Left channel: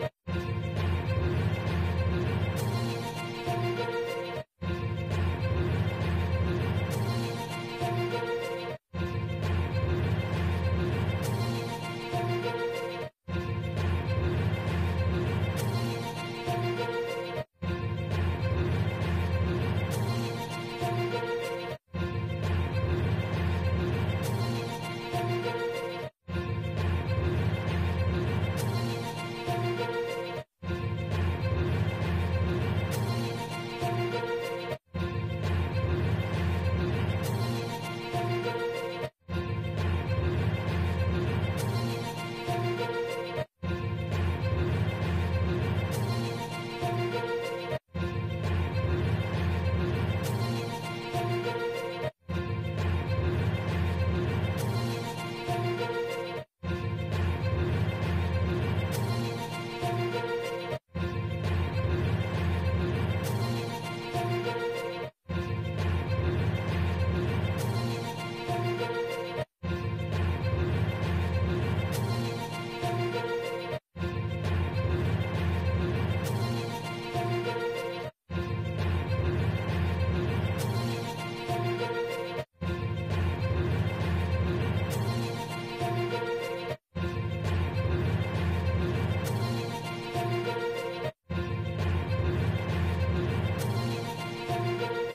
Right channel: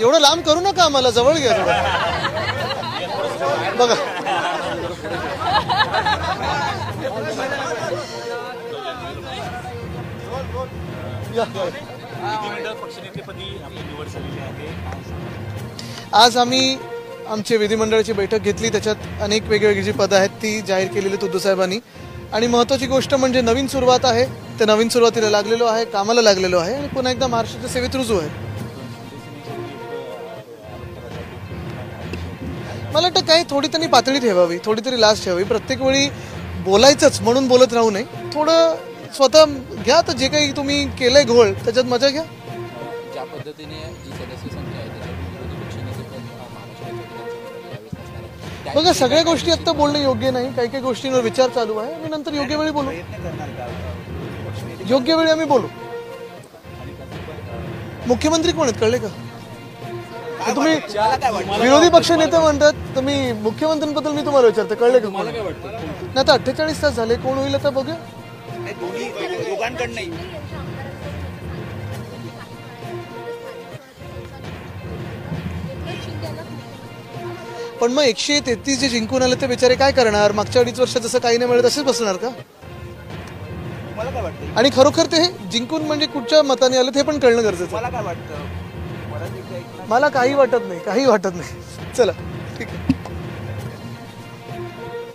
एवढं लांब करू नका, आम्हाला जवळ घ्या थोडं. बघा आज आम्ही आमची विधिमंडळाची बैठक घेतली. त्याच्यात अनेक वेगवेगळी जी पदं आहेत ती जाहीर केलेली उद्धव साहेबांनी. आणि महत्त्वाची गोष्ट म्हणजे नवीन सुरुवात आहे. त्या नवीन सुरुवातीला लागलेलो आहे, कामाला लागलेलो आहे आणि पुन्हा एकदा महाराष्ट्राच्या सेवेत रुजू आहे. मला वाटतं काही थोडी त्यांनी पातळी ठेवावी, थोडी तरी लाज ठेवावी. प्रत्येक वेळी बोलायचंच म्हणून बोलत राहू नये. थोडं स्वतः घ्या, तर जे काही तुम्ही केलंय घोळ त्याच्यात मजा घ्या. बघा सगळ्या गोष्टी आत्ता बोलणं योग्य नाही. काही काही गोष्टींवर विचार चालू आहे आणि नंतर योग्य वेळी बोलू. योग्य वेळी आम्ही बोलू. मुख्यमंत्री कोण आहेत कळले का? तुम्ही विरोधी पक्ष नेते म्हणतात, तुम्ही मुख्यमंत्र्यांबद्दल मी तुम्हाला विचारते कळले का? नाही आता 48 तास झाले, कोण होईल आता बघूया. पण मग 133 जे जिंकून आले ते बेचारे काय करणार? मागच्या 2.5 वर्षात जसं काही नाही मिळत तसेच बसणार का? आणि खरोखर ते जिंकून म्हणजे कुठच्या मताने आले ते पण कळणं गरजेचं आहे. मला काही वाटत नाही, काही वाटत नाही. चला.